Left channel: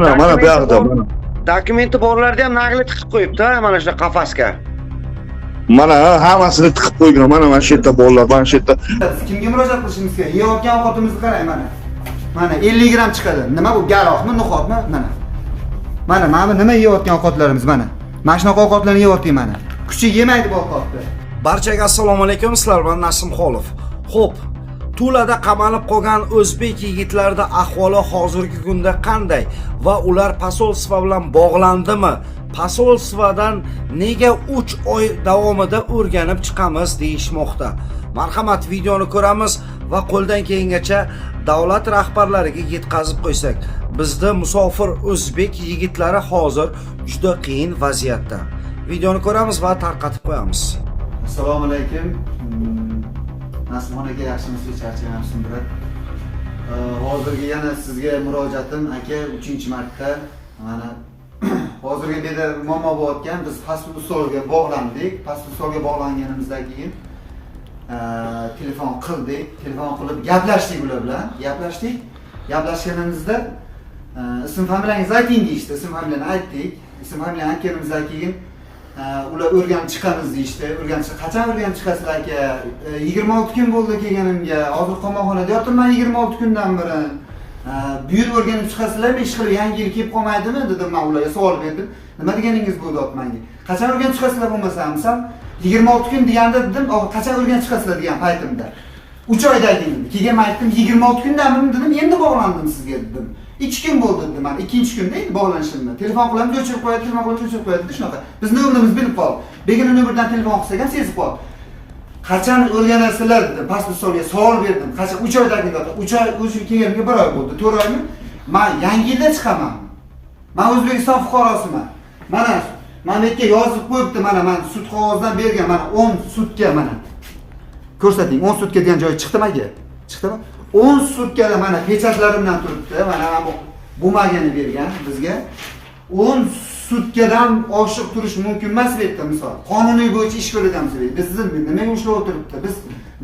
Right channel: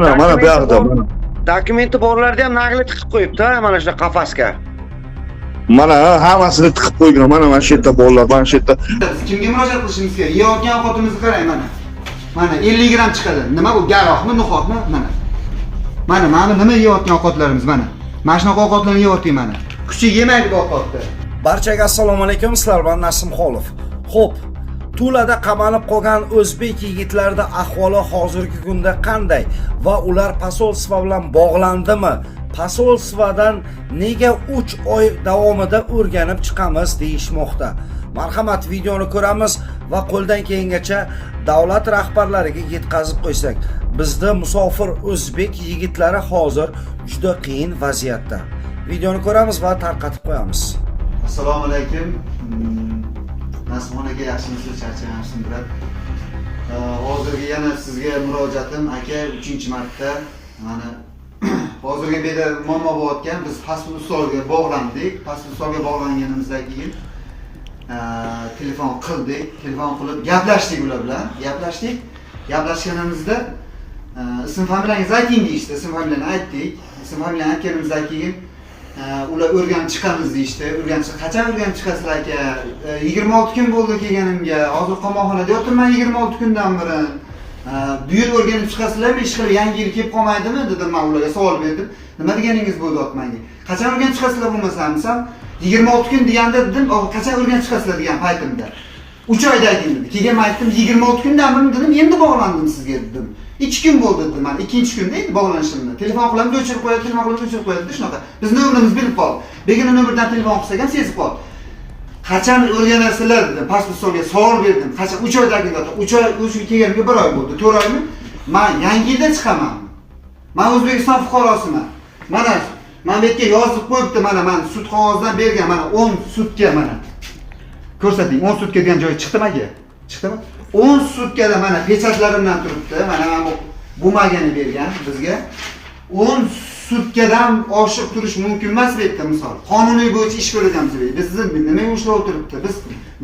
mana bu yoqda mana. Dokumenti borlarda ham naqli tiqib qo'yibdi, mana shu qafasga. Mana hammasini tiqib qo'ygan. Mana shu yerda bolalar, mana shu yerda. Kimga murojaat qilishimiz kerak? Yeyotgan ovqatimizni qarang mana. Mana 50 gram chiqadi. Nima bu? Garoqmi, no'xatmi? Mana. Mana nima yeyotgan ovqatlarimiz mana. Mana shunaqa ovqatlarni yeyotgan mana. Kuchi yemaydi bu ovqatni. Barchaga assalomu alaykum, sizlar bilan Nasim Xolov. Xo'p, Tulada qamalib qolgan o'zbek yigitlarida ahvoli hozirgi kunda qanday va ular posolstva bilan bog'landimi? Posolstvadan nega 3 oy davomida o'rganib chiqamiz deyishmoqda. Marhamat, videoni ko'ramiz va qo'ldan kelgancha davlat rahbarlariga yetkazib qo'ysak, bizda musofir o'zbek yigitlari hozir juda qiyin vaziyatda. Videoni ko'ramiz va tarqatib qo'yamiz. Assalomu alaykum. Nasimxon aka, yaxshimisiz? Charchamayapsizmi, brat? Hozirgi yana sizga murojaatim, aka, 3-marta. Mana hozirgi bu yerda muammo bo'layotgan, biz pasport ustoliga bog'landik. Pasport ustoliga bog'langanimizdan keyin telefon qilib gaplashdik ular bilan. Gaplashganimizda ism familiyangizni ayting deyishdi. Ism familiyani aytdik. Ism familiyani aytganimizdan keyin ular o'rganib chiqamiz deyishdi. Qachon o'rganib chiqasizlar aka? 26 kun bo'ldi kelganimga. Hozir qamoqxonada yotibman 26 kundan beri. Bu yil o'rganib chiqasizlarmi? Ish qilib yangi yil kelib qolmaydimi dedim men ularga savol berdim. Nima deganingiz bu deyapti menga. Qachon o'rganib chiqasizlar bo'lmasam, misol 26 kun deganda dedim, qachon o'rganib chiqasizlar degan paytimda. 3 oyda ayting dedi. Keyin men aytdim 26 kundan beri dedim, endi bog'landim sizga dedim. 2 kun bo'ldi dedim men. 2-kunda edi bog'lanishimda. Telefon qilamiz, o'chirib qo'yadi, telefon qilamiz, o'chirib qo'yadi shunaqa. Biz nomerimiz bilib qoldi. Begona nomerdan telefon qilsak ham sezib qoldi. Qachon o'rganasizlar dedim. Pasport ustoliga savol berdim. Qachon 3 oydagida 3 oy o'sha kelganiga 1 oy bo'ldi. 4 oymi? Men yangi yilda chiqaman. Men O'zbekiston fuqarosiman. Mana bu yerga yozib qo'yibdi, mana men sud qog'ozidan bergan, mana 10 sutka mana. Ko'rsating, 10 sutka degan joyi chiqdimi aka? Chiqdimi? 10 sutkada mana pechatlarimdan turibdi. Mana bu bumagani bergan bizga. 10 sutkadan oshiq turish mumkin emas bu yerda misol. Qonuniy bo'yicha ish ko'ramiz bu yerda. Biz nima ushlab o'tiribdi? Biz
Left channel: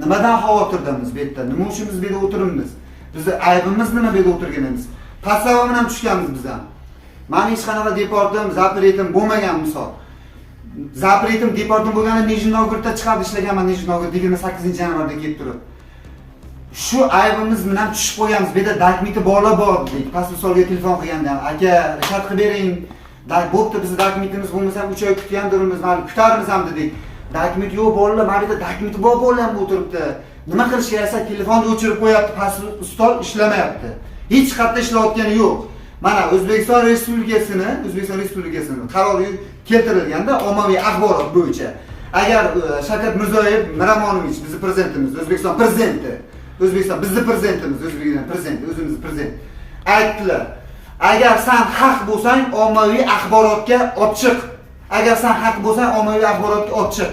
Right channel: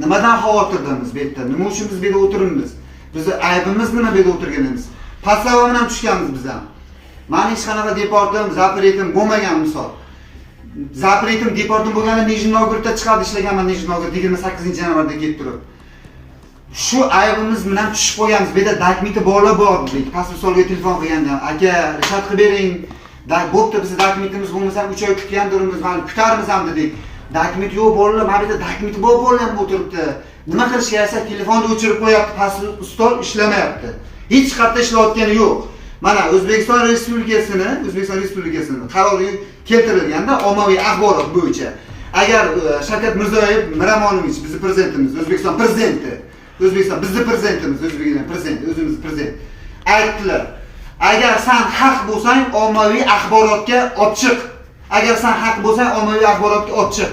nimadan xavotirdamiz bu yerda? Nima uchun biz bu yerda o'tiribmiz? Bizni aybimiz nima bu yerda o'tirganimiz? Paslava bilan tushganmiz biz ham. Meni hech qanaqa deportim, zapretim bo'lmagan misol. Zapretim, deportim bo'lganda Nijniy Novgorodda chiqarib ishlaganman, Nijniy Novgorod 28-yanvarda kelib turib. Shu aybimiz bilan tushib qo'yamiz. Bu yerda dokumenti borlar bor dedik. Pasport ustoliga telefon qilganda, aka, rishat qilib bering. Bo'pti, bizning dokumentimiz bo'lmasa 3 oy kutgandirmiz, mana kutarmiz ham dedik. Dokument yo'q bolalar, mana bu yerda dokumenti bor bolalar ham o'tiribdi. Nima qilish keraksa, telefonni o'chirib qo'yapti, pasport ustol ishlamayapti. Hech qayerda ishlayotgani yo'q. Mana O'zbekiston Respublikasining qarori keltirilganda ommaviy axborot bo'yicha agar Shavkat Mirziyoyev Miramonovich bizning prezidentimiz, O'zbekiston prezidenti, O'zbekiston bizning prezidentimiz, O'zbekiston prezidenti, o'zimiz prezident aytdilar. Agar sen haq bo'lsang, ommaviy axborotga olib chiq. Agar sen haq bo'lsang, ommaviy axborotga olib chiq.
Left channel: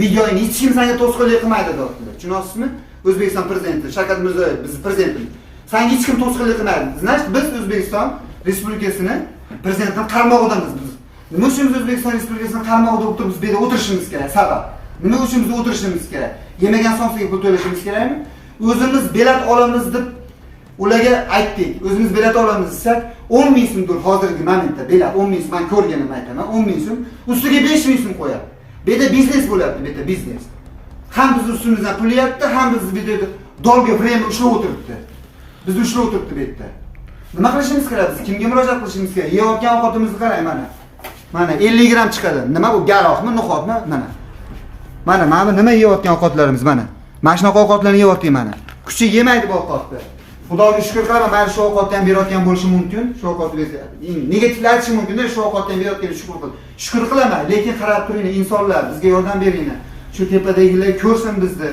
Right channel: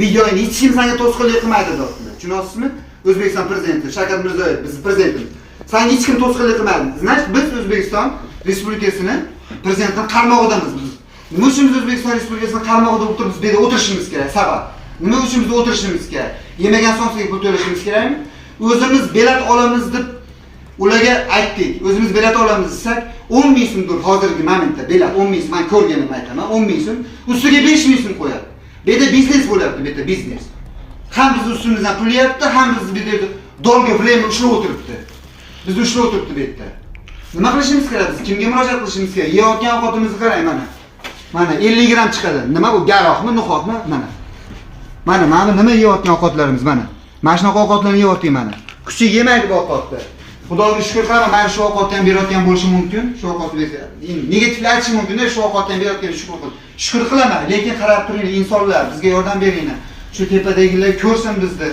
Videoni hech kim senga to'sqinlik qilmaydi dedilar. Tushunasizmi? O'zbekiston prezidenti Shavkat Mirziyoyev bizning prezidentimiz. Senga hech kim to'sqinlik qilmaydi. Значит, biz O'zbekiston Respublikasining prezidentining qarmog'idamiz biz. Nima uchun biz O'zbekiston Respublikasining qarmog'ida o'tirib biz bu yerda o'tirishimiz kerak? Sabab. Nima uchun biz o'tirishimiz kerak? Yemagan sonsiga pul to'lashimiz kerakmi? O'zimiz bilet olamiz deb ularga aytdik. O'zimiz bilet olamiz desak, 10 ming so'mdir hozirgi momentda bilet 10 ming so'm. Men ko'rganimni aytaman, 10 ming so'm. Ustiga 5 ming so'm qo'yadi. Bu yerda biznes bo'lyapti, bu yerda biznes. Ham biz ustimizdan pul yeyapti, ham biz bu yerda dolga pulni ushlab o'tiribdi. Biz ushlab o'tiribdi bu yerda. Nima qilishimiz kerak biz? Kimga murojaat qilishimiz kerak? Yeyotgan ovqatimizni qarang mana. Mana 50 gram chiqadi. Nima bu? Garoqmi, no'xatmi? Mana. Mana nima yeyotgan ovqatlarimiz mana. Mana shunaqa ovqatlarni yeyotgan mana. Kuchi yemaydi bu ovqatni. Xudoga shukr qilaman, mana shu ovqatni ham berayotgan bo'lishi mumkin. Shu ovqatni negativ aytish mumkin-da, shu ovqatni ham berayotgan shukr qilaman. Lekin qarab turinglar, insonlar, bizga yordam beringlar. Shu tepadagilar ko'rsin bizni.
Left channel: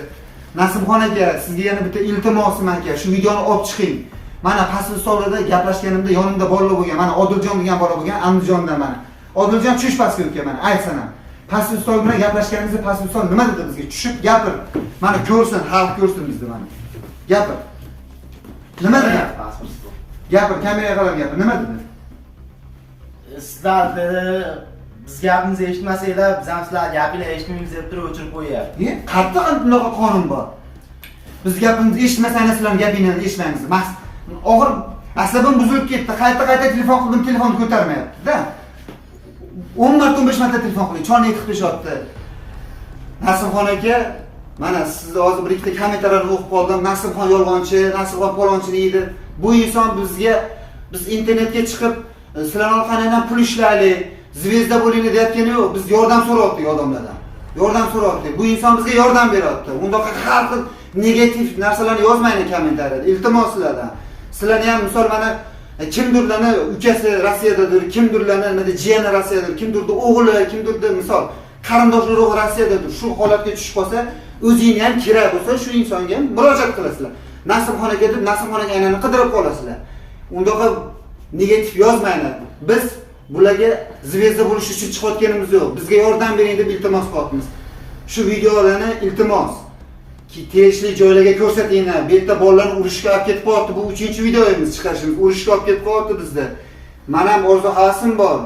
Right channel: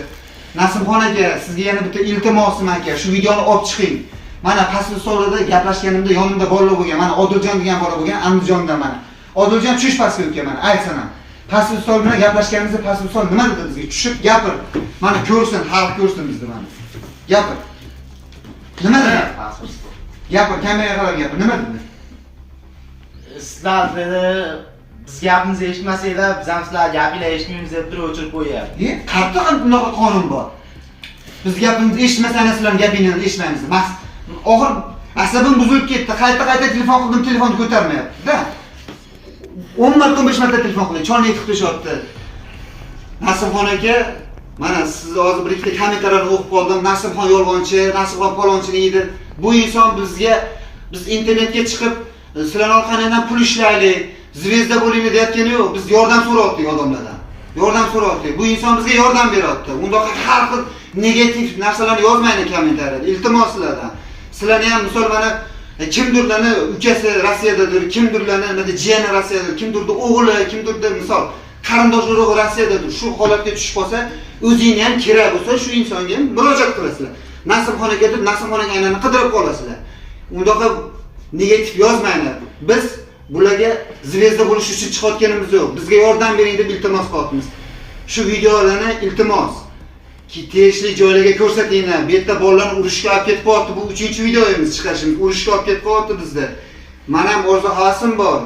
Nasimxon aka, sizga yana bitta iltimosim aka, shu videoni olib chiqing. Mana pasport ustolida gaplashganimda yonimda bolalar bo'lgan. Mana Odiljon degan bola bo'lgan, Andijonda mana. Odiljon tush pasportga mana, aytsan ham. Pasport ustol bilan gaplashganimizda pasport ustol nima dedi bizga? Tushib gapir. Mana ko'rsin, xalq ko'rsin bizni mana. Gapir. Nima dedi? Pasport ustol. Gapir, kameraga qarab gapir. Nima dedi? Sizlar dedi, biz gapimizni eshitmasanglar, biz ham sizlar gapinglarni eshitmaymiz deb turib o'chirib qo'yapti. Qattiq bunaqa qonun bor. Biz gapimizni eshitmasangiz sizlar gapinglarni eshitmaymiz. Oxir Asabim buzilib ketdi. Qayta telefon qildim, telefonni ko'tarmayapti-da. 10 marta 15 marta telefon qildim. Cholni yetib qo'yishyapti. Nasibxon aka, mana siz hozir bir ikkita kommentariyani o'qib qoldim. Nasibxon yolg'onchi, Nasibxon palonchi deydi. Bu inson biz internetga chiqib, sizlar orqangizdan pul ishlaylik, zvezda bo'laylik deyotgani yo'q. Biz yordam so'rayaptik odamlardan. Yordam so'rayaptik. Bu inson bizga yordam beryapti. Undaqa har xil negativ narsalarni yozmaylik kommentariyada. Iltimos sizlardan. Sizlarni ham misol mana kimdirlarni ukasi Rossiyadadir, kimdirlarni nima jiyani Rossiyadadir, kimdirdi o'g'li, kimdirdi misol qarindosh urug'i Rossiyadadir. Shu holatga tushib qolsa, o'zingni ham kerak bo'lsa, shu insonga ham murojaat qilasizlar. Nasibxon aka deb Nasibxon aka aynani qidirib qolasizlar. Undaqa negativ yozmanglar. Biz bularga zvezda bo'lish uchun chiqayotganimiz yo'q. Bizga yordam bering deb iltimos qilyapmiz. Shu videolarni iltimos tegishli joylarga ko'rsatinglar. Bu yerda bolalarni urushga olib ketib qo'yapti. Bu 3-videomiz chiqarishimiz. Urushga olib ketib qo'yapti bizda. Men ham orzu havasim bor.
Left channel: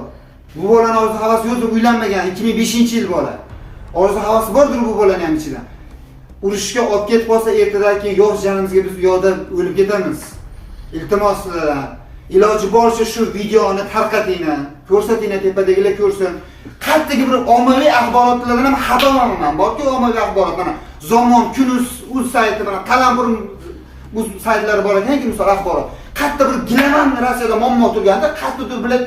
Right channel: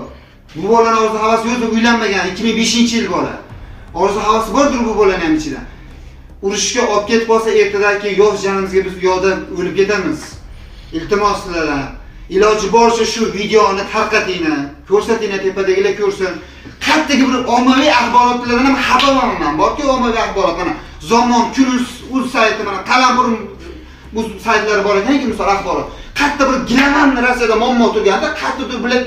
Bu bolaning orzu havasi yo'q, uylanmagan, 2005-yil bola. Orzu havasi bordir bu bolaning ham ichida. Urushga olib ketib qolsa, ertadan keyin yo'q jonimizga biz u yoqda o'lib ketamiz. Iltimos sizlardan. Iloji boricha shu videoni tarqatinglar, ko'rsatinglar, tepadagilar ko'rsin. Qayerdagi bir ommaviy axborotlardan ham xabarman. Borki ommaviy axborot mana Zamon, Kunuz, Uz sayti mana Qalampur bu saytlari bor ekanki, misol axborot. Qayerda bir gilaman Rossiyada muammo turganda, qayerdadir bilan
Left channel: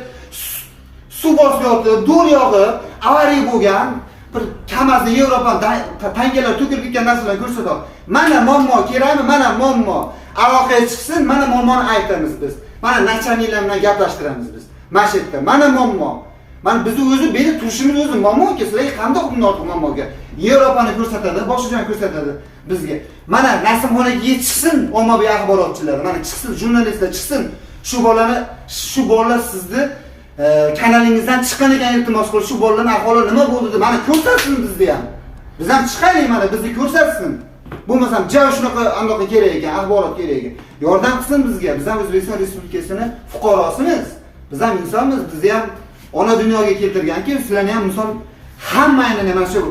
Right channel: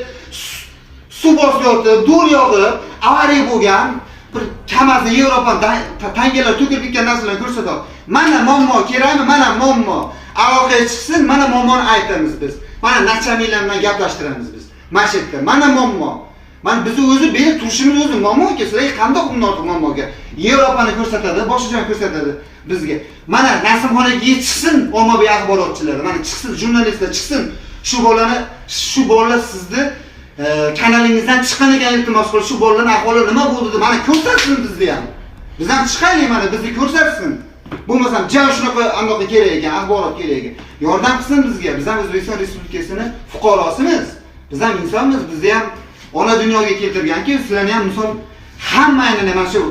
suv bosib yotdi, dur yog'ib, avariya bo'lgan, bir Kamazda Yevropadan tangalar to'kilib ketgan narsalarni ko'rsatadi. Mana muammo kerakmi? Mana muammo. Aloqaga chiqsin, mana muammoni aytamiz biz. Mana nachalniklar bilan gaplashtiramiz biz. Mana shu yerda mana muammo. Mana biz o'zi berib turishimiz o'zi muammoga, sizlarga qanday bunday muammoga? Yevropani ko'rsatadi, boshqa joyni ko'rsatadi bizga. Mana Nasibxon aka chiqsin, ommaviy axborotchilar, mana chiqsin, jurnalistlar chiqsin. Shu bolalar sizni kanalingizdan chiqqan ekan, iltimos qilib, shu bolalarning ahvoli nima bo'ldi deb mana ko'rsatsin bizga ham. Biz ham chiqaylik, mana bizni ko'rsatsin. Bo'lmasam, ja shunaqa anaqa kerak ekan, axborot kerak ekan. Yordam qilsin bizga. Biz ham O'zbekiston Respublikasining fuqarosimiz. Biz ham insonmiz, bizni ham ona dunyoga keltirganki, sizlarni ham misol hammani mana shu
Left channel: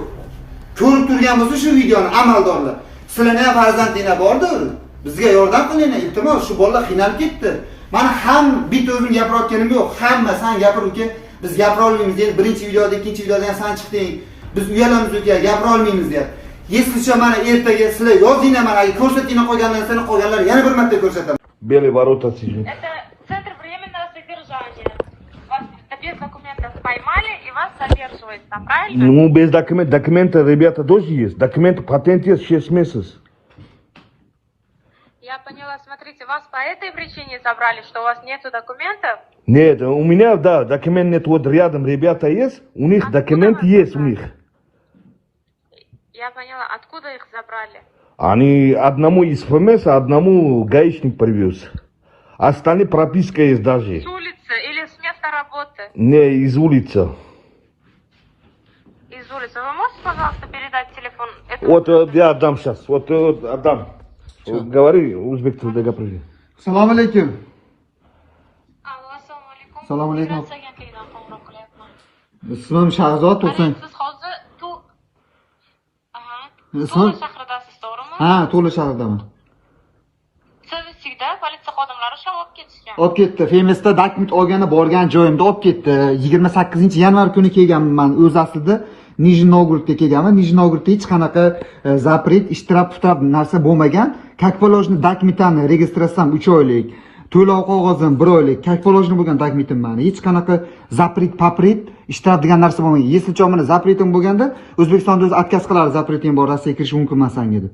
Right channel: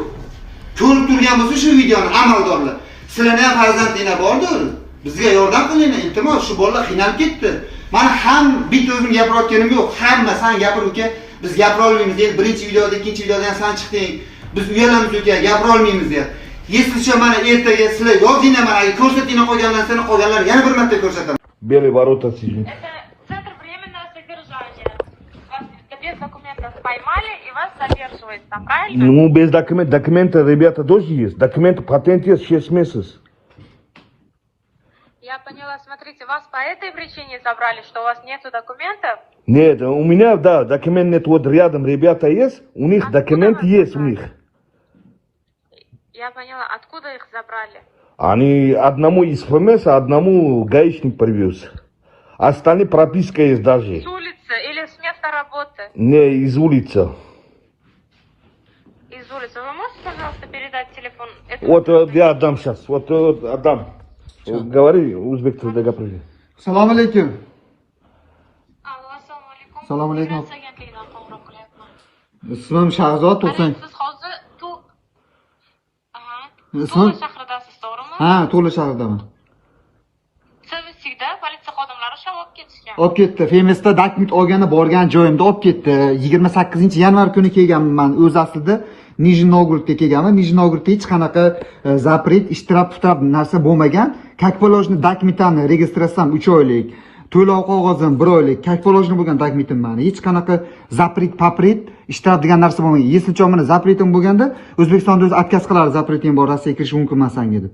ko'rib turgan bo'lsa shu videoni amaldorlar. Sizlarni ham farzandinglar bordir. Bizga yordam qilinglar, iltimos, shu bolalar qiynalib ketdi. Mana ham bitta o'zim gapirayotganim yo'q. Hamma sen gapir uka, biz gapira olmaymiz deydi. Birinchi videoda, ikkinchi videoda ham sen chiqding. Biz uyalamiz uka, gapira olmaymiz deydi. Yeslicha mana ertaga sizlar yozinglar, mana ko'rsatinglar qolgan narsani, qolganlar yana bir marta ko'rsataman. Белый ворота сидит. Это центр временного содержания. Вас такие документы поймали и вас задерживают там, правильно? Ну, без документа, ребята, тоже есть. Документы, патент есть 6 месяцев. Я поняла, смотрите, вас по этой причине забрали, что у вас нету документов? Нет, у меня, да, документ нет, вот рядом ребята есть, у них документ есть у них. Я поняла, откуда их забрали? Они одному из ФМС, а одному гаишник привез. Остальные прописка есть даже. С улицы или с места работы? Не, из улицы. Из улицы. Вы можете, пожалуйста, передать телефон? Вот я отдам сейчас, вот отдам. Вот, говори, узбек tilida gapiring. Assalomu alaykum. Assalomu alaykum. Assalomu alaykum. Ismim Shahzod Tursun. Siz hozir Ismim? shahridasiz, to'g'rimi? Ha, To'la shahardaman. Servisidan politsiya xodimlari shuni olib ketishgan. Olib ketdi. Femesda dokument olgani borgan joyimda olib ketdi. 28-yanvar kuni kelganman. O'zi aslida Nijniy Novgorodga kelganman. Nijniy Novgorodda hech qanaqa zapret, ishtirok narsa bo'lmagan. Kakfolojni dokumentini registratsiyam 3 oylik. To'lov qog'ozim 1 oylik. Kakfolojni bo'lgan dokumentim mana. Hech qanaqa zapret, papret, ishtirok degan narsa bo'lmagan. Yeslicha mana zapretim bo'lganda O'zbekistonda o'zi отказ qiladi, zapreting bor, Rossiyaga kirish mumkinman senga deb.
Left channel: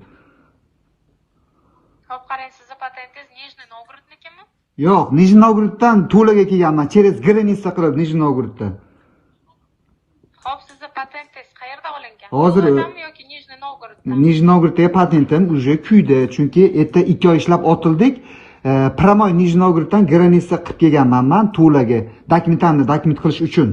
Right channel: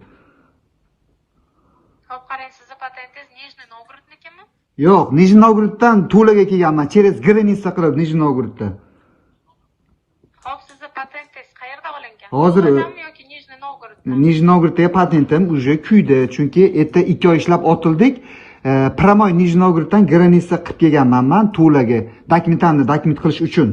Xo'p, qarang, sizni patentingiz Nijniy Novgorodnikimi? Yo'q, Nijniy Novgoroddan Tulaga kelganman. Через граница qilib Nijniy Novgoroddan. Xo'p, sizni patentingiz qayerda olingan? Hozirmi? Yoki Nijniy Novgorod? Nijniy Novgorodga patentim уже kuydi. Chunki erta 2 oy ishlab otildik. Pramoy Nijniy Novgoroddan граница qilib kelganman men Tulaga. Dokumentimni dokument qilish uchun.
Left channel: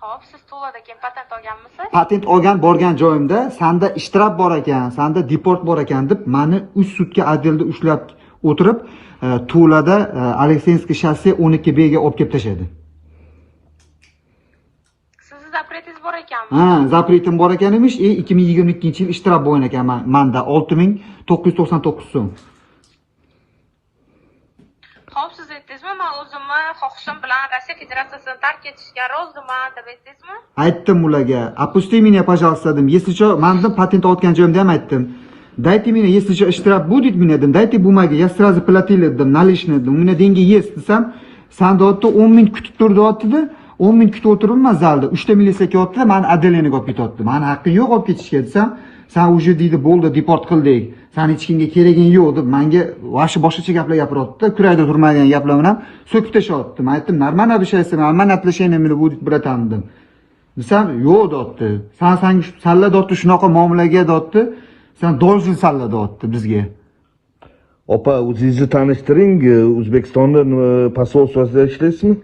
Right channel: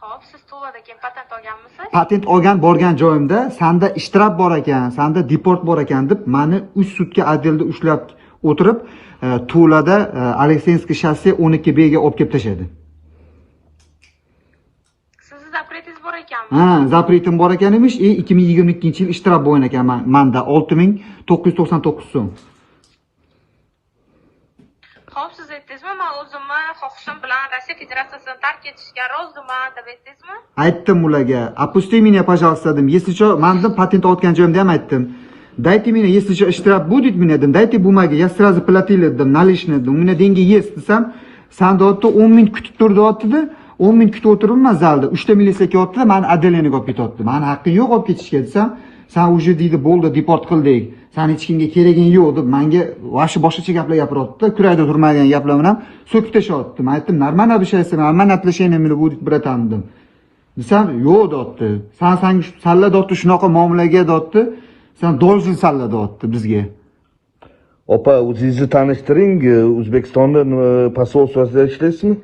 Xo'p, siz Tulada keyin patent olganmisiz? Patent olgan borgan joyimda sanda ishtirok bor ekan, sanda deport bor ekan deb meni institutga отделda ushlab o'tirib, Tulada Aleksinskiy shosse 12B ga olib kelib tashladi. Sizni zapretingiz bor ekanmi? Ha, zapretim bor ekan emish, 2022-yil ishtirok bo'lgan ekan menda 6999 so'm. aytdingizmi? Men o'zimni xohishim bilan Rossiya Federatsiyasini tark etishga roziman deb aytdingizmi? Aytdim ularga. Опусти меня, пожалуйста, dedim. Если что, manzil patent olgan joyimda ham aytdim. Дайте меня, если что, штраф будет мне, dedim. Дайте бумаги, я сразу платил, dedim. Наличные, dedim. У меня деньги есть, desam, sen deyapti 10 ming kutib tur deyapti-da. 10 ming kutib o'tiribman zalda. 3 ta militsiya kelyapti, meni Adeleniga olib ketyapti. Meni haqqim yo'q olib ketishga desam, sen уже deydi, bo'ldi, deport qildik. Sen hech kimga keraging yo'q deb menga vashi boshqacha gaplar gapiryapti. Kurayda turmagan gaplar bilan so'kib tashyapti. Men aytdim, "Нормально обещайся, нормально отношение meni будет, братан" dedim. Desam, "Yo'q" deyapti. Sen salla deyapti, shunaqa muomalaga deyapti. Sen должен salla deyapti bizga. Opa, o'zingizni tanishtiring. O'zbekistonda posolstvosida ishlaysizmi?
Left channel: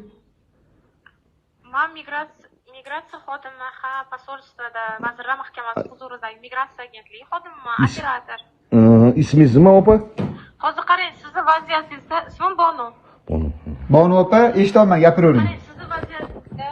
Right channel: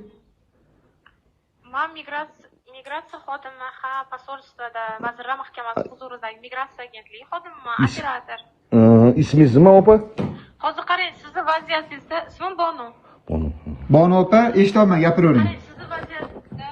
Men migratsiya xodimi, posolstvada, Vazirlar Mahkamasi huzuridagi migratsiya agentligi xodimiman, operator. Ismingiz nima, opa? Hozir qarang, sizni vaziyatingizda ismim Bonu. Bonu opa, eshitolmay gapiravering. Qarang, sizni vaziyatingizda,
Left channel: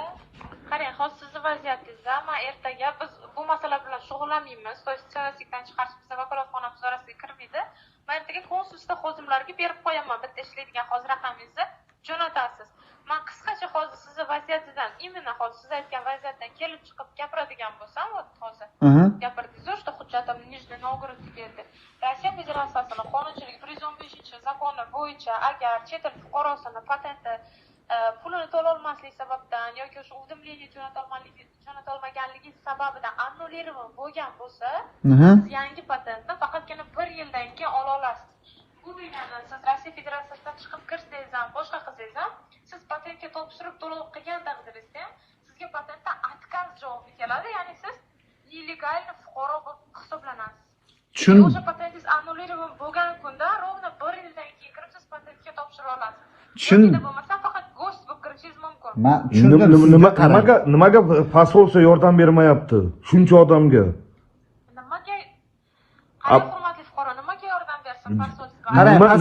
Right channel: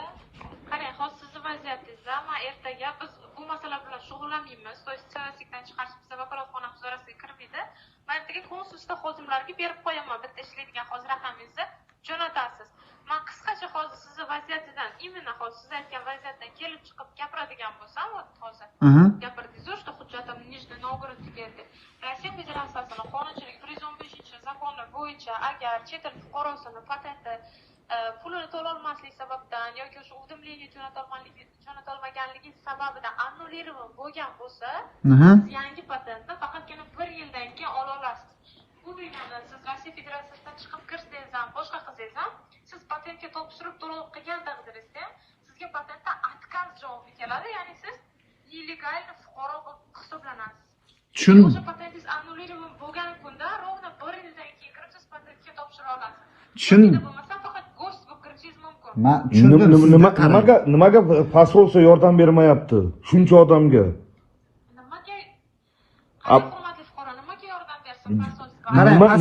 hozir sizni vaziyatingizda men ertaga biz bu masala bilan shug'ullanmaymiz. Siyosatdan chiqarish bizning vakolatxonamiz orasiga kirmaydi. Men ertaga konsulsta xodimlarga berib qo'yaman. Bitta ishlaydigan hozir raqamingizni jo'natasiz. Men qisqacha hozir sizni vaziyatingizdan, именно hozir siz aytgan vaziyatdan kelib chiqib gapiradigan bo'lsam, hozir gapirdingiz, что hujjatim Nijniy Novgorod keldi. Rossiya Federatsiyasining qonunchiligi 115-zakoni bo'yicha agar chet el fuqarosini patenti pulini to'lolmaslik sababdan yoki o'sha уведомление jo'natolmaganligi sababidan annullирован bo'lgan bo'lsa, siz yangi patentni faqatgina 1 yildan keyin ola olasiz. Bu degani siz Rossiya Federatsiyasidan chiqib kirsangiz ham, boshqa qilsangiz ham, siz patentga topshirib to'lov qilgan taqdirda sizga patentdan отказ javobi keladi, ya'ni siz illegalniy fuqaro bo'lib hisoblanasiz. O'sha patentingiz annullирован bo'lgan kunda ровно 1 yildan keyin kirib siz patentga topshira olasiz. Shunda bo'lmasa faqat go'sht bo'lib kirishingiz mumkin. Nimaga posolstva yordam bermayapti? Shuncha odamga. Nimaga? Qanday hurmatli fuqaro nimaga yordam bersin posolstva?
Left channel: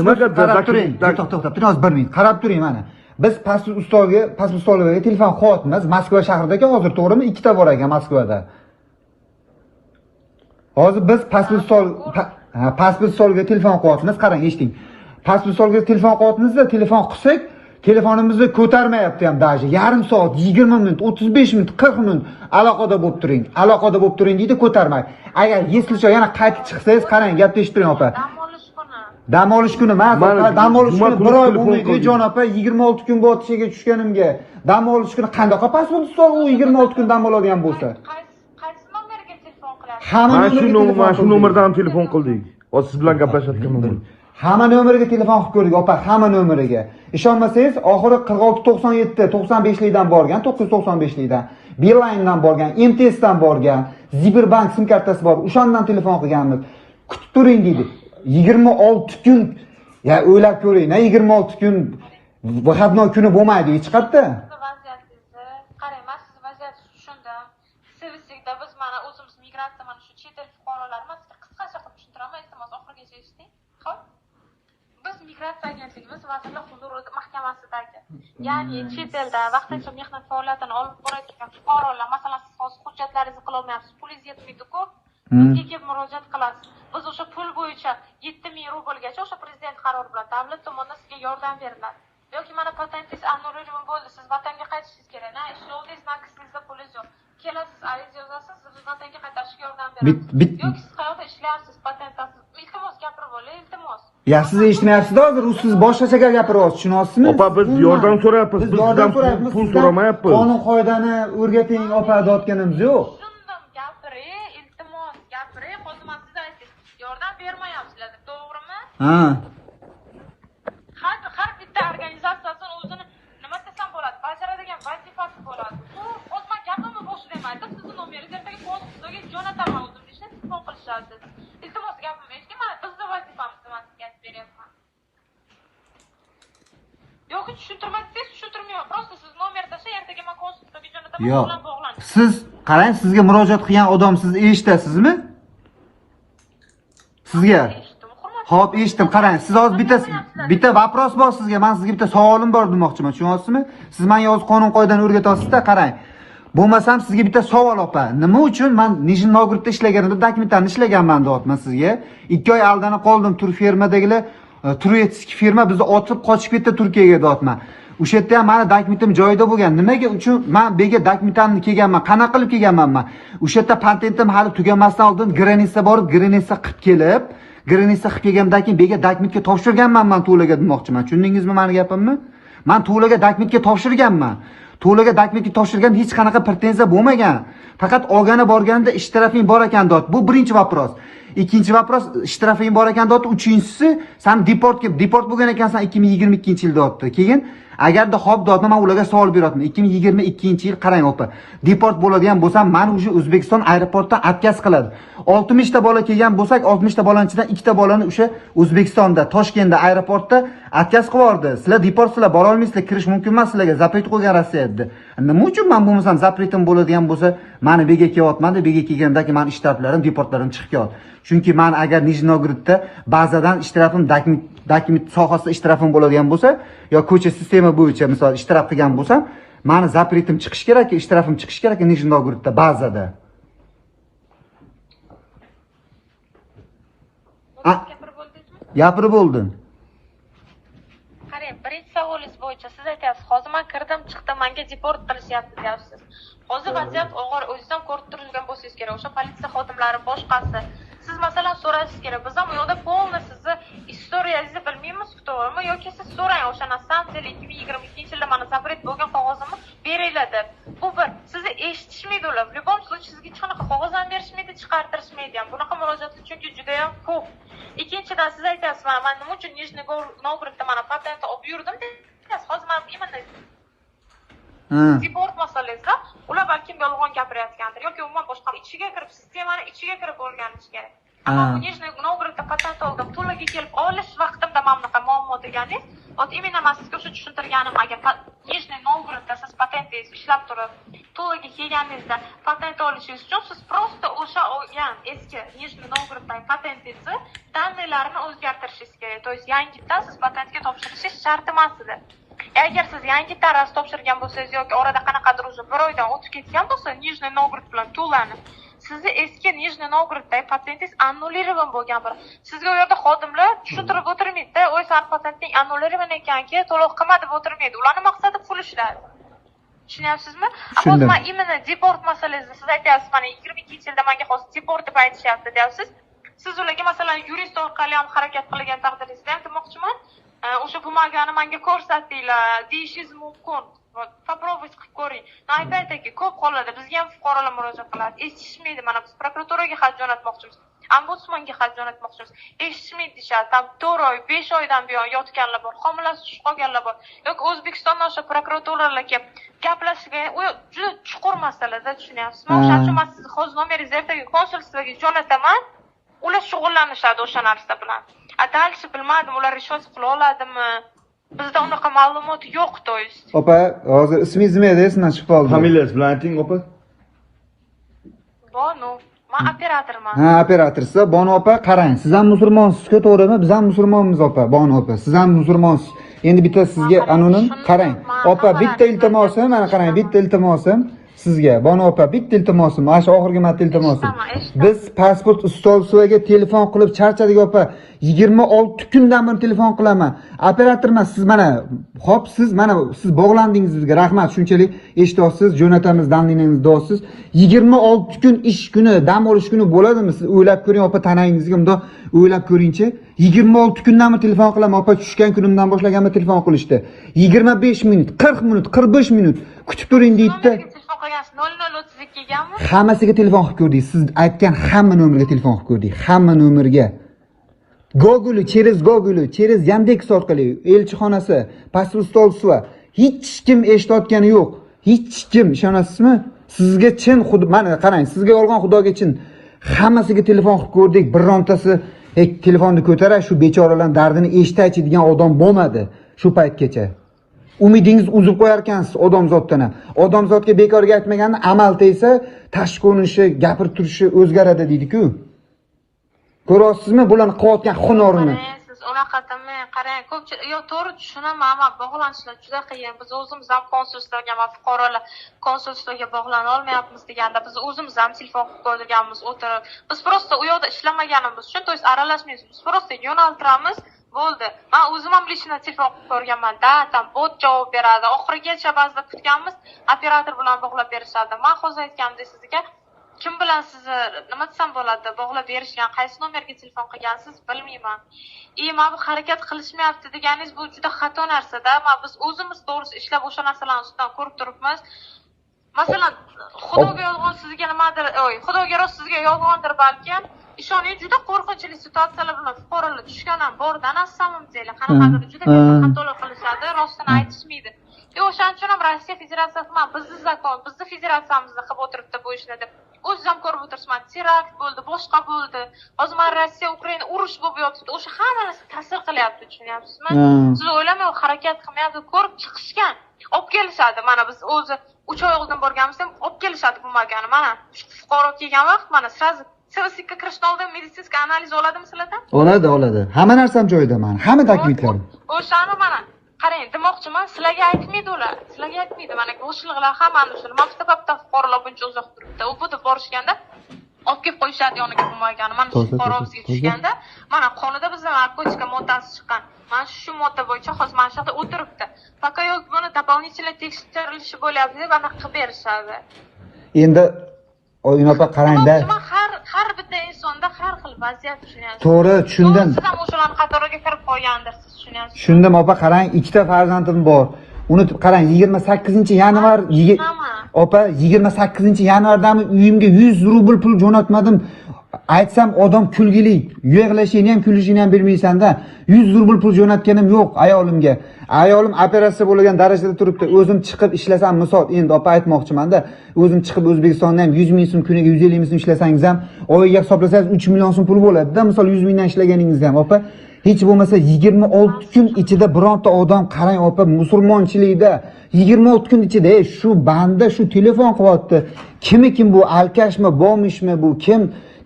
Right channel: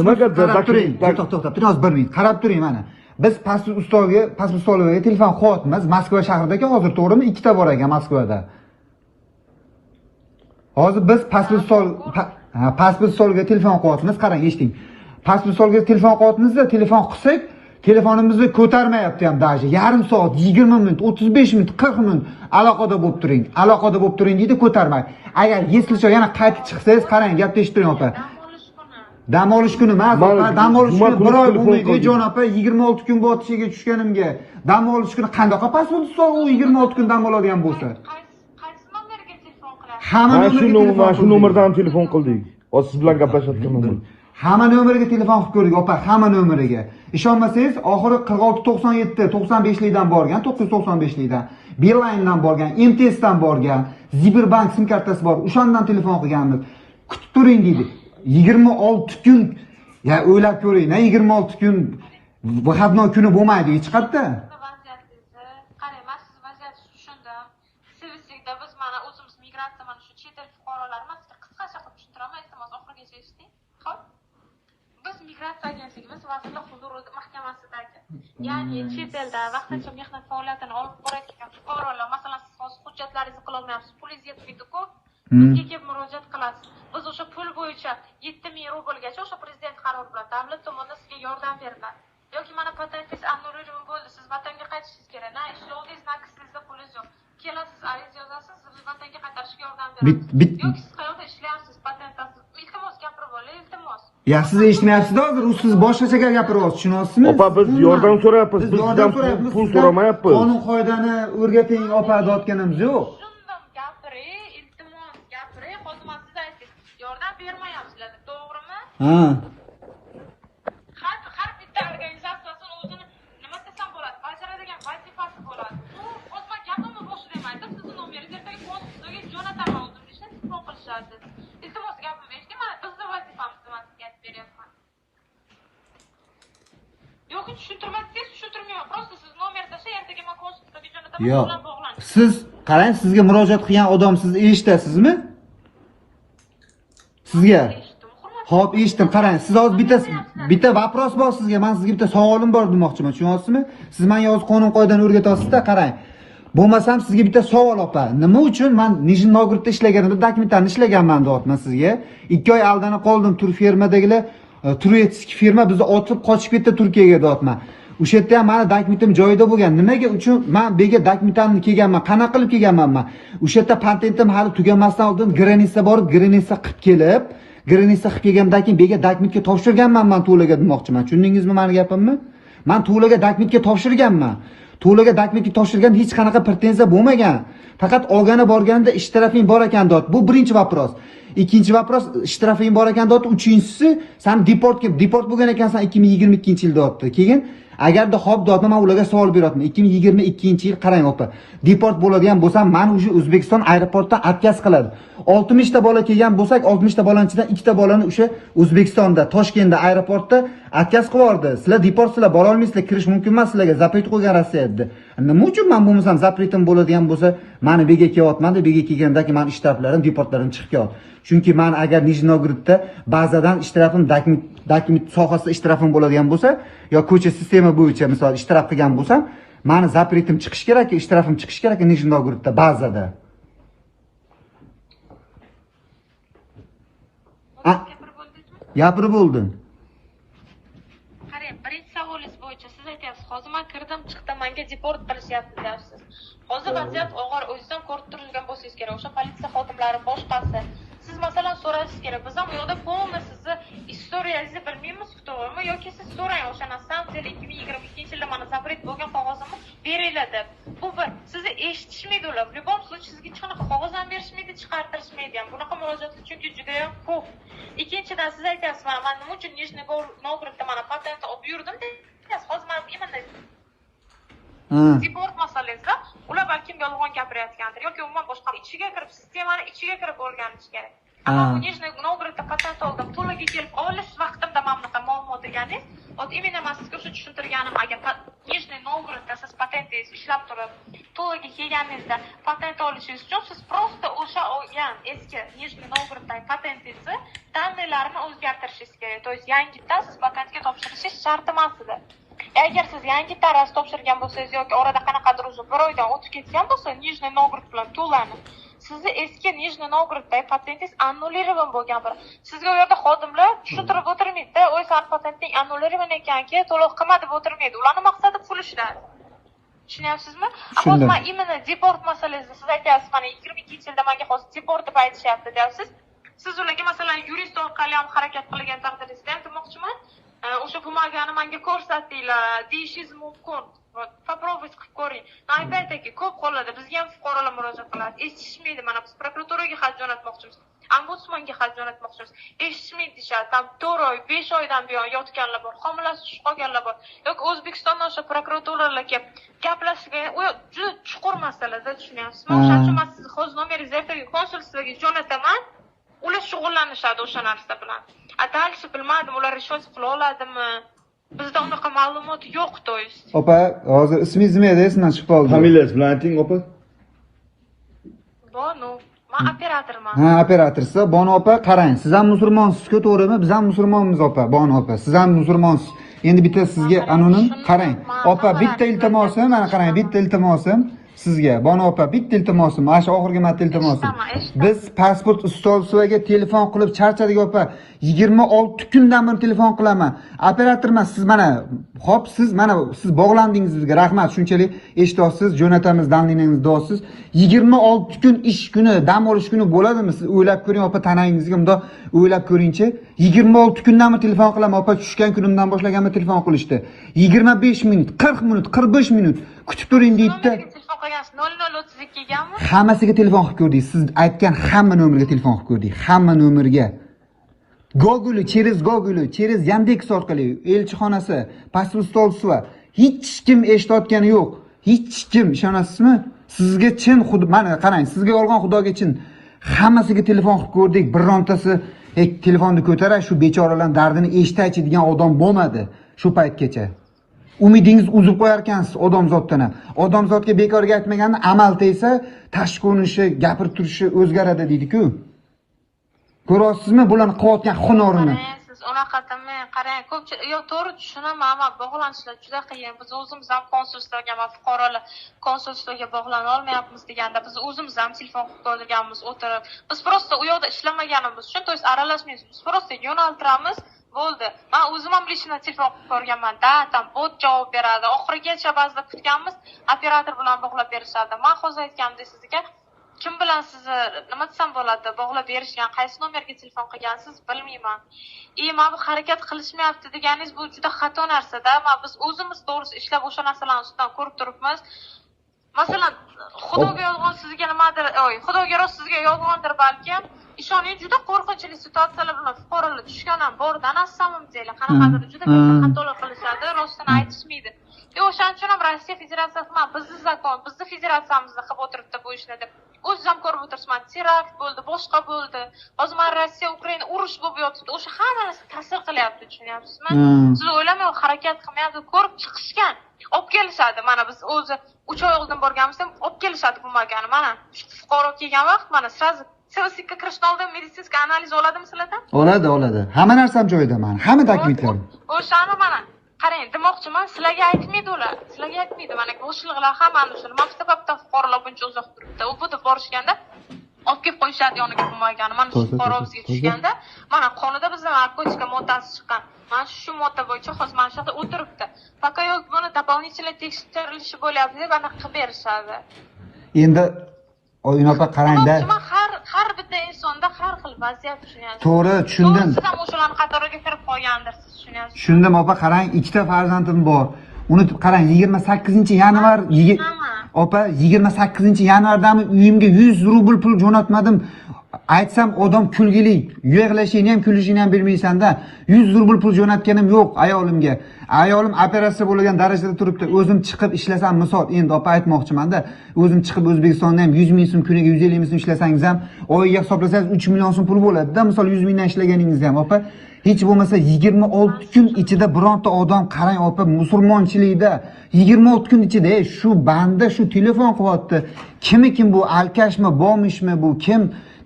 Nimaga qarab turing. To'xta, biroz bir minut. Qarab turing mana. Biz pastki ustolga telefon qilyapmiz. Moskva shahridagi hozir to'g'rimi? 2 ta bor ekan Moskvada. Hozir biz pastki ustolga telefon qilyapmiz. Qarang, eshiting. Pastki ustolga telefon qilyapmiz-da, telefon qilsak, telefonimizni ko'tarmayapti ham даже. Yarim soat, 20 minut, 35 minut, 40 minut aloqada bo'lib turing. Aloqada bo'lib turing deydi, ko'tarmaydi. Agar yeslcha yana qaytib chiqsangiz, qarang, gapni eshittiring opa. Dam olish kuni, dam olish kuni 1 oy bo'lmaydi, jon opa, 26 kun bo'ldi ishga tushganimga. Dam olish kuni qanday qopasiz ustol, u 26 kun dam oladigan bo'lsa? Qaysi nomerga telefon qilasiz? Hamma nomerdan telefon qildik. Hozir siz bilan gaplashayotgandim. Hamma nomeriga telefon qilib ko'rdik, opa, hamma nomeriga. Ishonmasangiz, oxiri 4697 95likdan borgan, 995likdan, Beeline'dan borgan, MTS'dan borgan, Ziberbank sim kartasi bor, o'shandan telefon qilganmiz. Kutib turing dedi. 26 kun. Ya o'ylab ko'ring, 26 kun выходной kuni bo'lmaydi, hech qayerda. Qarang, men sizni vaziyatingizni tushundim. Servislikda biz mana o'zimiz migratsiya mana shu chet el fuqarolarini qisqacha qilib tushuntiraman, iltimos oxirigacha eshiting. Xo'p? Biz migratsiya agentligimiz Vazirlar huzuri mahkamasidagi, ya'ni chet elda vaqtincha mehnat faoliyatini olib borayotgan fuqarolar, masalan, siz hozir hujjatlaringizni qila olmayapsiz, pulingiz yetmaydi-ku, bizga kelib murojaat qilasiz. Biz o'sha pul bo'yicha 7000 rublgacha o'sha prezident qarori bilan davlat tomonidan sizga yordam beriladi. Yoki mana patentingiz annullирован bo'ldi, siz vatanga qaytishingiz kerak. Na ishlovdingiz, na kisingizda pulingiz yo'q. Kelasiz, ariza yozasiz, siz vatanga qaytarishga yordam beramiz. Yoki siz qayerda ishlayapsiz, patent olasiz. Iltimos gapirib oling, iltimos. Ya siz eshitmayapsiz hozir, siz boshqacha gapiryapsiz, tushunyapsizmi? Biz yordam so'rayapmiz. Biz yordam so'rayapmiz, pul so'ramayapmiz. Qonun qoidani o'rgating, opa, deyotganimiz yo'q. Tushundim, gapiring, iltimos, gapiring. Hozir men sizga aytdim, yordam bermayapsizlar, to'g'rimi? Har bitta organizatsiyasi o'zini nima desam bo'ladi, bajaradigan vazifasi bo'ladi. Hozir men gapimni boshidan aytib, sizni nomeringizni ertaga konsultaga jo'nataman, o'zim ishni telefon qilishadi. Iltimos, gapimni eshiting, mana bizning vazifamiz nima aytib beryapman. Yo'q, tushuntirmaysiz, tushuntirmayman. Просто siz nomer tashlab, ertaga men konsultaga jo'nataman, Yo'q. bilan bog'laning. Siz qarang, sizga murojaat qilgan odam siz eshitasizmi? Sizga Xo'p, eshitdim. Qarang, siz hozir bitta vopros bor sizga. Men sizga bitta savolim bor demoqchiman, tushunyapsizmi? Siz menga hozir qonun qoidani o'rgatyapsiz-da, qarang. Bo'lmasam sizga bitta savol opa. Nima uchun men Nijniy Novgorodda ishlaganimda dokumentlarni ishlaganman deyapman sizga. 2 oy aldanib qoldim, tur fermadagilar Turetsk firma bizni otib qochib ketdi Turkiyaga deyapman. O'sha yerda ham mani dokumentim joyida bo'lgan. Nimaga uchun men bu yerga dokumentimni kelganman? Qanaqa qilib kelganman men? O'sha yerda patentim hali tugamasdan oldin granitsa borib, granitsa qilib kelib, granitsa qilib kelgandan keyin bu yerga dokumentga topshirganman men Tulaga demoqchiman. Tushundingizmi meni gapimni? Men Tulaga dokumentga topshirganman. Tulaga dokumentga topshirgan hech qanaqa pretenziya bo'lmagan. Faqat olgani borganida ishtirafing bor ekan deyapti. Bu birinchi vobros. Ikkinchi vobros, ishtirafing bor ekan deyapti. Uchinchisi, sen deport bo'lgan ekansan 2022-yilda deyapti. Keyin agarda xo'p deyapti, men ularga savol beryapman. 2022-yil qarang opa. Deport bo'ladigan bo'lsam, meni уже O'zbekiston aeroportida отказ qiladi. 60 ta bola kelgan bo'lsak, 60 ta bolaning ichidan 2 ta bolani o'sha O'zbekistonda, Toshkentda aeroportda отказ qilib yubordi. Sizlar deportsizlar, bora olmaysizlar, kirish mumkin emas sizlarga, zapret qo'ygan Rossiya dedi. Nima uchun men bo'lmasam zapretim bo'ladigan bo'lsa, meni bega kelyapman-da, bega kelgandagi men ishtiraflarim, deportlarim chiqib kelyapti. Chunki men agar Nijniy Novgorodda bazadan ishtirafim, dokument sohasida ishtirafim bo'ladigan bo'lsa, yo ko'cha sistema bo'yicha misol ishtiraf qilgan bo'lsam, meni zapretim chiqish kerak, ishtirafim chiqish kerak Nijniy Novgorodda bazada. Gapirib bo'ldim. Qarang, birinchi savolingiz bo'yicha siz aytasiz, hozir men kirdim, chiqdim, menga deport qilishyapti deyapsiz. Hozir vaziyat og'ir, o'zingizdan ko'rib turgan bo'lsangiz kerak. O'sha politsiya xodimlari boshqasi. Siz masalan so'rashingiz kerak. Biz ham u yoqda polni sizni istoriyangizni bilmaymiz-ku, to'g'rimi? Yoki siz so'rang, o'sha nastansiyali 2022-yilda mana zapret bo'lgan qog'ozimni beringlar deb. Bu bir, sizni eshitishmaydi ular. В любом случае sizga hech qanaqa qog'oz ham berishmaydi, chiqartirishmaydi ham. Bunaqa murojaatlar chunki juda ham ko'p. Ikkinchidan siz aytasiz, men nima uchun Nijniy Novgorodda mana patent olib yurdim deyapsiz. Hozir men bilmayman. Deport masalasi, ular balki yolg'on gapirayotgandir yoki umuman boshqa ichiga kirib, sistemani ichiga kirib o'rganishgan. Ammo bu Nijniy Novgorodda patent oldim, pulga kelib olish vaqtimda mana bunaqa muammo deganingiz, именно men sizga o'sha tushuntirganim, agar Nijniy Novgorodda siz patentingiz ishlab turib, to'yga kelganingizda patent olishingiz uchun siz просто o'sha olgan eski Nijniy Novgoroddagi patentingizni ta'minlarini o'zgartirishingiz kerak. То есть yangidan siz patentga topshirishingiz shart emas edi. Agar siz yangi taraf topshirgan bo'lsangiz yoki orada qanaqadir o'zi bir oydan o'tib ketgan bo'lsa, Nijniy Novgorod bilan to'lanib, sizni eski Nijniy Novgoroddagi patentingiz annullирован bo'lgan bir. Sizga u yerda xodimlar tushuntirib o'tirmaydi-da, "O'y, san patenting annullирован ekanki, to'lov qilma" deb o'tirmaydi. Ularning maqsadi pul ishladi. Tushunyapsizmi? Ammo именно deport masalasida siz aytyapsiz, mana 22-yilda menga hozir deport deb aytishyapti deyapsiz. Siz ularga masalan yurist orqali ham harakat qilgan taqdiringizda ham demoqchiman. O'sha bumagani menga ko'rsatinglar, deyishingiz mumkin. Попробуйте qilib ko'ring. Aytayki, ko'p hollarda bizga ham fuqarolar murojaat qiladi. Eshitishmaydi, mana biz prokuraturaga xat jo'natmoqchimiz, ombudsmanga xat jo'natmoqchimiz. Eshitishmaydi deyishadi. Tam 4 oy, 5 oydan buyon yotganlar bor, homilasi tushib qolganlar bor. Yoki O'zbekistondan o'sha prokuraturalarga gaplashgan, u juda chuqur masalada, tushunyapsizmi? O'shaning uchun men sizni hozir nomeringizni ertaga konsulstvaga jo'nataman. Ular shug'ullanishadi o'sha narsa bilan. Dальше bilmadim, ular решать qila oladimi? Bizda unaqa ma'lumot yo'q, to есть. Opa, hozir ismingiz nima edi? Sizdan chiqib qoldim. Familiyangiz bilan ayting, opa. Bonu, men operatorman. Ha, operatorsiz. Bonu opa, qarang, siz ham musulmonsiz, to'g'rimi? Biz ham musulmonmiz opa, Bonu opa. Siz ham musulmonsiz. Endi bitta sizga anonim, qarang. Opa, bitta iltimosim, mana qarang, bitta iltimosim sizga. Bonu opa, bitta iltimosim, mana shu oxirgi marta iltimosim. Biz pasport ustolisiga telefon qilib charchadik opa. 26 kundan men telefon qilaman. Operatorman siz mana, xo'p siz mana siz bog'landingiz bizga. Rahmat, shunchalik eshityapsiz, jo'natamiz, danlingizni deyapsiz. 26 kun ish kuni, dam olish kuni bo'ladimi? Siz o'ylab ko'ring opa, tanangizga bundoq o'ylab ko'ringchi. 26 kundan men telefon qilaman opa, tushgan kunimdan boshlaganman telefon qilishdi. 25 minut, 40 minut, 45 minut kutib turing deydi. Hammasiga telefon qilib ko'rdik. Siz aytgan hamma nomerga telefon qilib ko'rdik. Hamma nomerga. Google, через Yandex orqali elchixonasi, pasport hech kim eshitayotgani yo'q. Hech kim, ishonasizmi? Sizga chin xuddi mana qarang, sizga yolg'on xudoga chin. Hammasiga telefon qilib ko'rdik, birontasi telefonni ko'tarar, shu bechoralarning dardini eshitaychi degan odam bo'lmadi shu paytgacha. Umidingiz uzib qo'yar ekansiz odamzoddan. Odamzodga bekorga aytmagani amal tegsa, tashqi ko'rinishi, gapirib turishi o'zgaradi deydi-ku. Ko'rasizmi bular qota hunarini? Siz unaqa qarang, ko'pchilik yo to'g'ri tushunaman, ammo bog'lanishlar juda qiyin. Biz o'zimiz ham konsulstvaga, fuqarolar konsulstvaga bog'lana olmayapmiz deganda, biz o'zimiz ham telefon qilib qo'yganmiz, o'tirib. Biz просто u yoqda ishlamaganimiz uchun, to есть aralashmaymiz. Biz просто yo'naltiramiz, bo'ldi. Men o'zim ham lishni telefon qilib ko'rganman-da, tam bot javob beradi. Oxirigacha ba'zida kutganmiz, operator bilan bog'lab berishadi. Men hozir aytganimdek sizga kim bilan sizni nima desam bo'ladi, bog'lab berishgan, qaysi nomerga telefon qilgansiz bilmayman. Men bu harakat qilishmayapti deganingiz bu juda xato narsa-da. Biz o'zimiz to'g'risi ishlab o'sha narsalarni ustidan ko'rib turibmiz. Masalan, xudoga yolg'on sizga nimadir, xudoga rost sizga yolg'ondir balki. Ishoning juda qo'rqinchli situatsiyalar bilan fuqarolar tushgandan bordan samimjaylar. Qanaqadir juda katta xatolar qilishadi, rostini aytishmaydi. O'shaning uchun ham Rossiya Federatsiyasi ham bizni zakon, bizni federatsiyamizni qilib o'tiribdi bu ishni deb. O'zim ko'rib o'tiribman, terakt bo'ldi, boshqa bo'ldi. Hozir mana Rossiya Ukraina urush bo'lib yotibdi. O'sha hamma narsa ta'sir qilyapti, tushunyapsizmi? Siz o'ylamang, harakat qilmayapti, ko'rib chiqishgan. Olib kelishadi. Mana biz o'zi 3 oy oldin borganimizda olib kelishadi bo'lmagani. Mana fuqaro kelgan vaqt mana sraz Siroslikka kirishdan oldin meditsinskiy analiz oladimi sizlardan? Oladi. Hamma narsani joyida mana. Hamma dokumentlar. O'shani mana qarang, demoqchiman, sizlarga aytmaydi ular. Sizlarga aytmaydi. Mana o'shliqlar hammani shuni maktabda fuqarolar buncha uzoq turibdi. U yerda borishganda olib kelib qo'yishadi yoniga bo'lmagani. Mana shu fuqaromiz yetishganda, mana qonida bizning narkotika moddasi chiqqan. Mana shu modda bo'yicha hozir mana shu yerda o'tiribdi. Faqat buni дополнительно tekshirilishi bo'lyapti deb aniq qilib berishadi. Endi o'yinga qarangda. Har bitta insonda har xil vaziyat tushunyapsiz. To'g'ri, tushundim. Siz ham o'shalarning qatoriga kirib qolgandirsiz, tushunyapsiz. Tushundim, opa, qarang, ikkita farzandim bor. Uni qarang, 28-yanvar, opa, 28-yanvardan uyimga 100 rubl pul jo'natmadim. Aytsam odam kulgili, yig'lashini ham kulishini ham bilmaysan-da. 100 rubl pul jo'natganim yo'q ayolimga. Ayolim operatsiya bo'lgan darajada turibdi. O'zim chiqib ishlasam, misol, endi opa aytmoqchiman-da, o'zim chiqib O'zbekistondan ham 100 ming so'm kuniga 150 ming so'm ishlasangiz ham, oyiga hisoblasangiz 3 million so'm pul bo'ladi-da, misol 100 mingdan ishlaganingiz ham, opa. Hech bo'lmasa 26 kun ichida bironta odam qarang, opa, musulmonchilikda 26 kun ichida shu banda shu telefon qilyapti. Kim bu, alkashmi, bomishmi bu, kim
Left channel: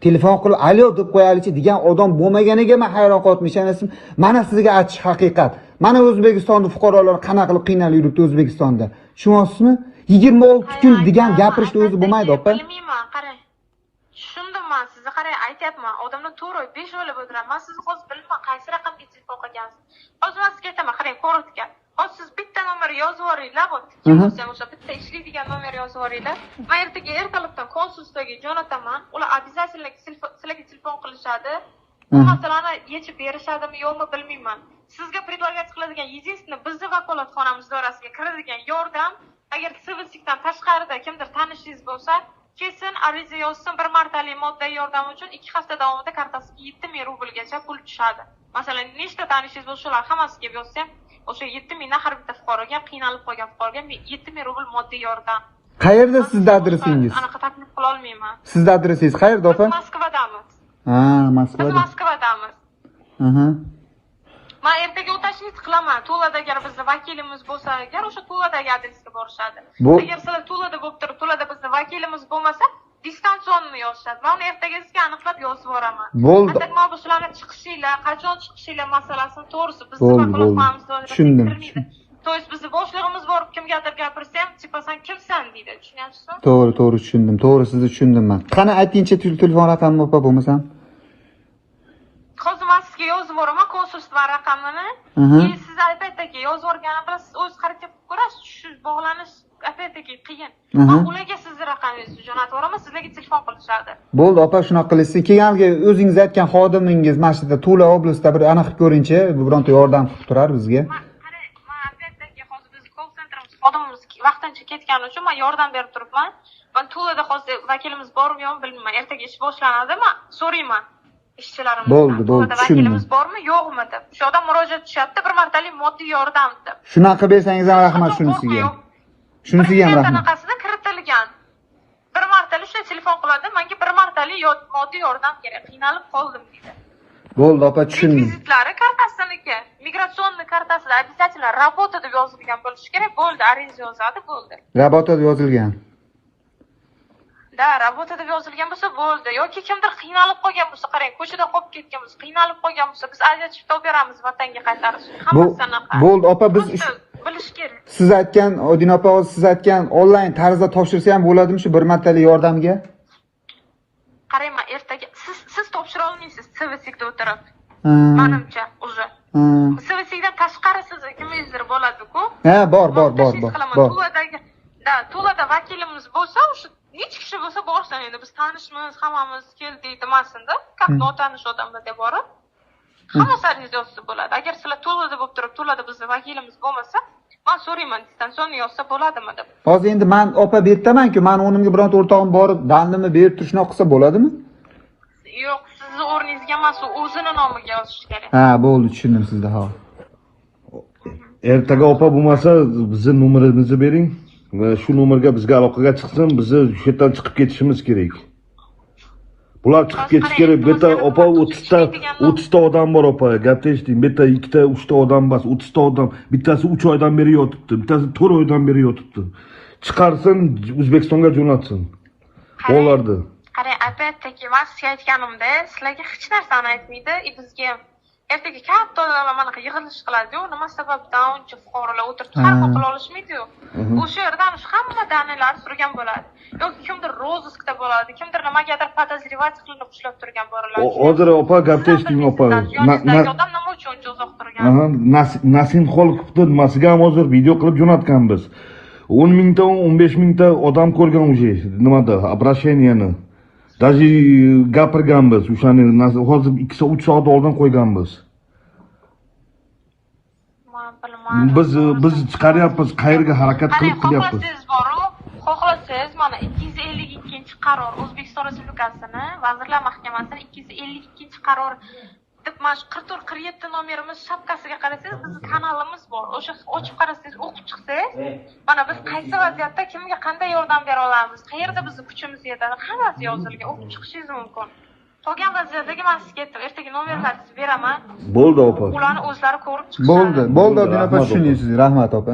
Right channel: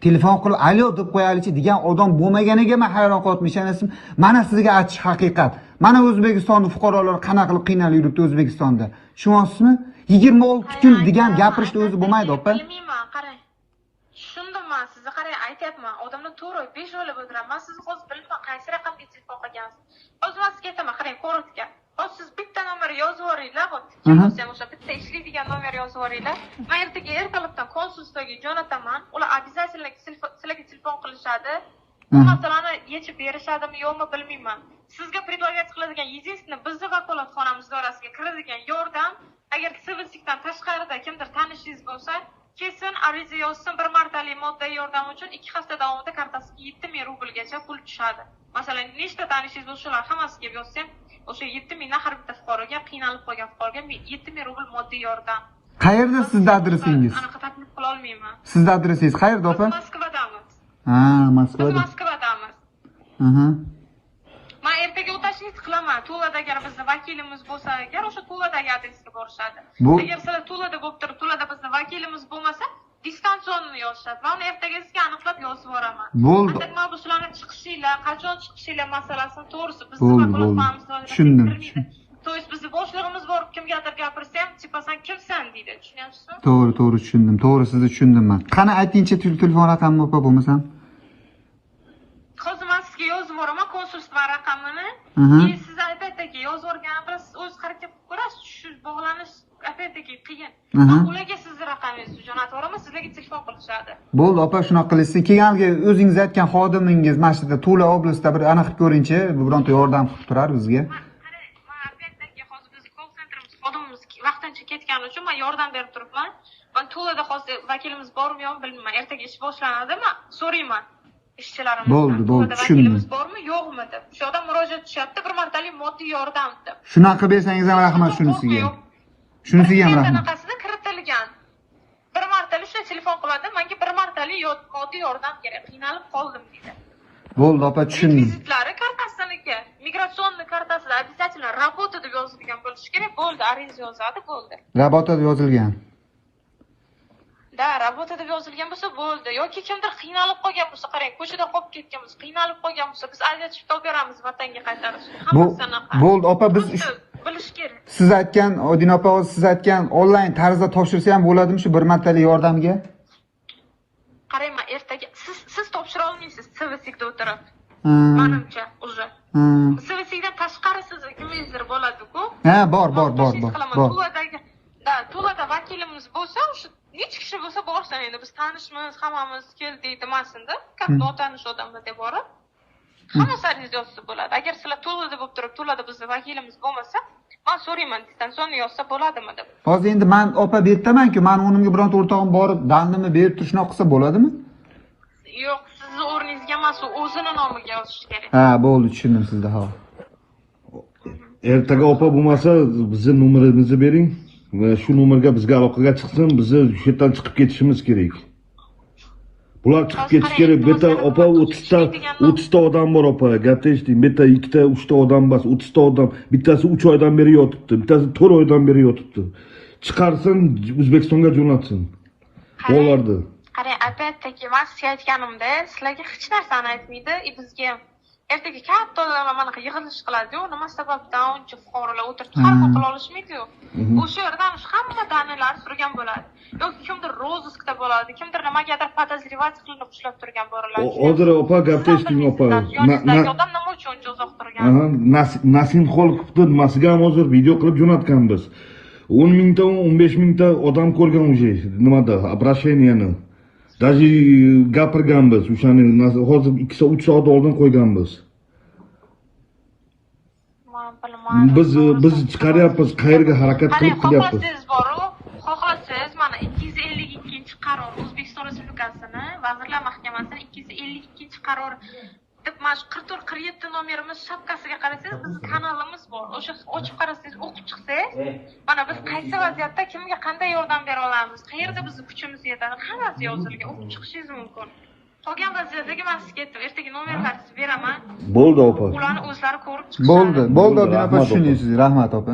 telefon qilib alo deb qo'yalichi degan odam bo'lmaganiga men hayron qoldim. Mana sizga aytish haqiqat. Mana O'zbekistonda fuqarolar qanaqa qilib qiynalib yuribdi O'zbekistonda. Tushunyapsizmi? 26 kun degan gapirishni o'zi bo'lmaydi, opa. Bilmayman, qarang. Tushundim men sizni, qarang, aytyapman. Odamlar to'g'ri 5 o'ylab o'tiraman. Men sizni hozir bilmayman, qaysi raqamga telefon qilgansiz. Hozir men sizga aytaman, qarang, ko'rotga. Hozir siz bitta nomer yozib yuboringlar, o'sha bitta ishlaydigan nomer yozib yuboringlar. Men ertalikdan konsulstaga jo'nataman. Ular обязательно sizlarga telefon qilishadi. Bu masalani yechib berishadimi yo'qmi bilmayman. Sizga предлагать qiladigan единственное bizni vakolatxonamiz doirasiga kiradigan yordam, agar sivilsikdan tashqarida kimdir tanishingiz bo'lsa, kesin ariza yozsin, bir martalik moddiy yordam uchun 2 hafta davomida kartasiga 7000 rublgacha pul tushadi. Masalan, nechta tanishingiz bo'lsa, ular hammasiga yozsa, o'sha 7000 dan har bitta fuqaroga, qiynalib qolgan fuqaroga 7000 rubl moddiy yordam. Qayerda sizning adresingiz? Anaqa taklif qila olmayman. Sizning adresingiz qayerda, opa? Moskvadamiz. Moskvada. Biz Moskvadamiz. Men ertaga o'tashni qilaman. Tulada agar bizning vakilimiz bo'lsa, agar o'sha Tuladagi adresga borishadi. Agar sizlar Tulada bo'lib turib, Tulada bizning vakilimiz bo'lmasa, distansionni yozishadi. Men uni ertagasiga aniqlab yozib yuboraman. Bo'ldi. Atak men sizlarning chiqishinglar, qachon chiqishinglar masalasini to'g'risi bizning vakolatxonamiz doirasiga kirmaydi. To есть bizni boshlig'imiz borib kimgadir gapirsa ham, "Tipa sen kimsan?" deydi. Tushunyapsizmi? To'g'ri, tushundim. To'g'ri, sizni tushundim men. Qani aytingchi telefon raqamini opa bo'lmasam? Hozir men sizga yozib yuboraman konsulstva raqamini. Siz aytayotdagi yozib yuborgani bilan siz o'z harakat qilib ko'rasiz. Shu bog'lanish aytayotdagi qiyin. Men ularga sizni raqamingizni jo'natib yuboraman, sizlarga telefon qilishadi. Bo'ldi, opa, shunaqa qilishsin. Kelganiga o'zingiz aytgan xodimingiz mana shu yerda Tula oblastida bir aniq qilib ko'ringchi, bironta yordam qilib turar bizga. Xodimimiz vaqtincha ketgani uchun men yordam berib turibman. Men Tulada hozir vakilimiz bormi yo'qmi bilmayman. Ertaga ish boshlanadi, men so'rayman ishchilarimizdan. Bo'ldi, vakilimiz bormi yo'qmi deb. Shu odam murojaat tushyapti, bir martalik moddiy yordam deb. Shunaqa bersangiz ham rahmat shunisiga. Shunisiga ham rahmat. Qanaqasida kiritilgan. Bir martalik shu telefon qiladi, menga bir martalik moddiy yordam kerak. Qiynalib qoldim deydi. Bo'ldi, opa, tushundim. Requizitlari kartasiniki, migratsionniy kartasida обязательно работа deb yozilgan bo'lishi kerak. Bo'ldi, ariza yozadi, bo'ldi. Работа deb yozilgan. Da, работа deb yozilgan bo'lsa bo'ldi. Yoki kimdir qiynalib qolgan bo'lsa, qarang, ko'chada qolib ketgan bo'lsa, qiynalib qolgan bo'lsa, biz ajratib beramiz vatanga qaytarishga. Hammasi anaqa. Bo'ldi, opa, biz bilish kerak. siz aytgan, Odina opa, siz aytgan onlayn tarzda topshirsa ham bo'ladimi shu bir martalik yordamga? Qarayman, ertaga siz topshira olmaysiz, servisikda o'tirib. Menimcha, уже. Sevisidan tashqari siz kimingizdir bo'ladi-ku. Ha, bor. To'lada vakilimiz bo'lsa, o'sha necha kishi bo'lsa borsin, endi biz tanishmiz, hammamiz keldik demasin-da. Как notanish odamlarga borib, hammasi ariza yozsa bo'ladi. Agar sizlar to'lada bo'lib turib, to'lada bizni vakilimiz bo'lmasa, men so'rayman, distansionni yozsa bo'ladimi deb. Hozir endi men opa bu yerdaman-ku, men o'rnimga bironta o'rtog'im borib, dandimni berib turishni qilsa bo'ladimi? Yo'q, sizni o'rningizga emas, u o'zini nomiga yozish kerak. Ha, bo'ldi, tushundim sizni, ha. Ertaga opa bo'lmasa, bizni nomerimizni bering va shu nomerga bizga aloqaga chiqsin, bizni shu yerdan chiqib ketishimiz kerak. Bular chiqib ketish kerak. Bu yerda opa 30 ta odam bor opa. Gapni eshiting. Bu yerda 2 ta, 3 ta odam emas, 30 ta odam. Bittasi 3 oydan beri yotibdi, bittasi 4 oydan beri yotibdi. Chiqarsin, O'zbekistonga jo'natsin. Bo'lardi. Qarang, опять-таки men sizga aytganimda, sizlarga hech narsani aytmaydi, bizga ertaga katta odamlar mana yig'ilish qiladi-yu, nima sababdan uncha fuqarolar o'tirib har xil qila olishmaydi-yu. O'sha yerdan hamma dalillar surgan bo'ladi. Yoki kimdir rozыскda bo'ladi, kimdir nimagadir podozrевать qilinib ushlab turgan bo'ladi. Hozir opa gapni eshiting opa. Odam nima uchun uzoq turgan? Nasim Xolqovni nimasiga ham hozir video qilib jo'natganmiz. 10 mingta, 15 mingta odam ko'rgan уже nimada, обращениеni. Даже gapirganmiz, o'shani hozir 2-3 soat oldin qo'yganmiz. Biz chiqaryapmiz, qayerga harakat qilyapmiz. Xohlasangiz mana 252-qaror O'zbekiston Respublikasini Vazirlar Mahkamasining 252-qaror deb mana 44-47 nomerimiz shapkasiga qarasangiz, bizning kanalimiz bor. O'sha ochib qarasangiz, o'qib chiqsangiz, mana biz qaysi vaziyatda kimga qanday yordam bera olamiz, qayerda bizning kuchimiz yetadi, hammasi yozilgan, o'qib chiqishingiz mumkin. Qolgan vaziyatdagi men sizga aytdim, ertaga nomerlarni sizga beraman. Bo'ldi opa. Ularni o'zlari ko'rib chiqishadi. Bo'ldi, opa, tushunaysiz. Rahmat opa.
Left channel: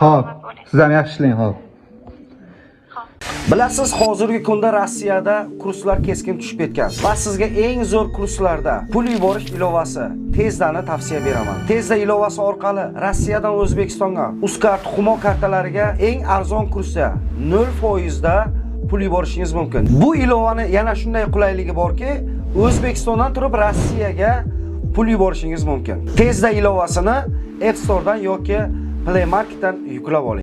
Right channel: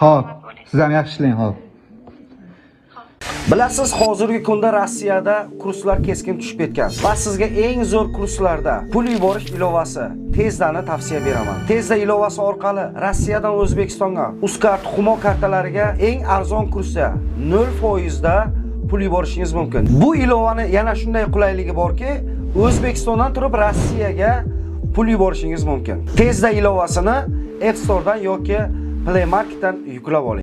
Xo'p, sizlarni yaxshi ishlang, xo'p. Bilasiz, hozirgi kunda Rossiyada kurslar keskin tushib ketgan va sizga eng zo'r kurslarda pul yuborish ilovasi Tezdani tavsiya beraman. Tezda ilovasi orqali Rossiyadan O'zbekistonga Uzcard Humo kartalariga eng arzon kursda 0% da pul yuborishingiz mumkin. Bu ilovani yana shunday qulayligi borki, O'zbekistondan turib Rossiyaga pul yuborishingiz mumkin. Tezda ilovasini App Store'dan yoki Play Marketdan yuklab oling.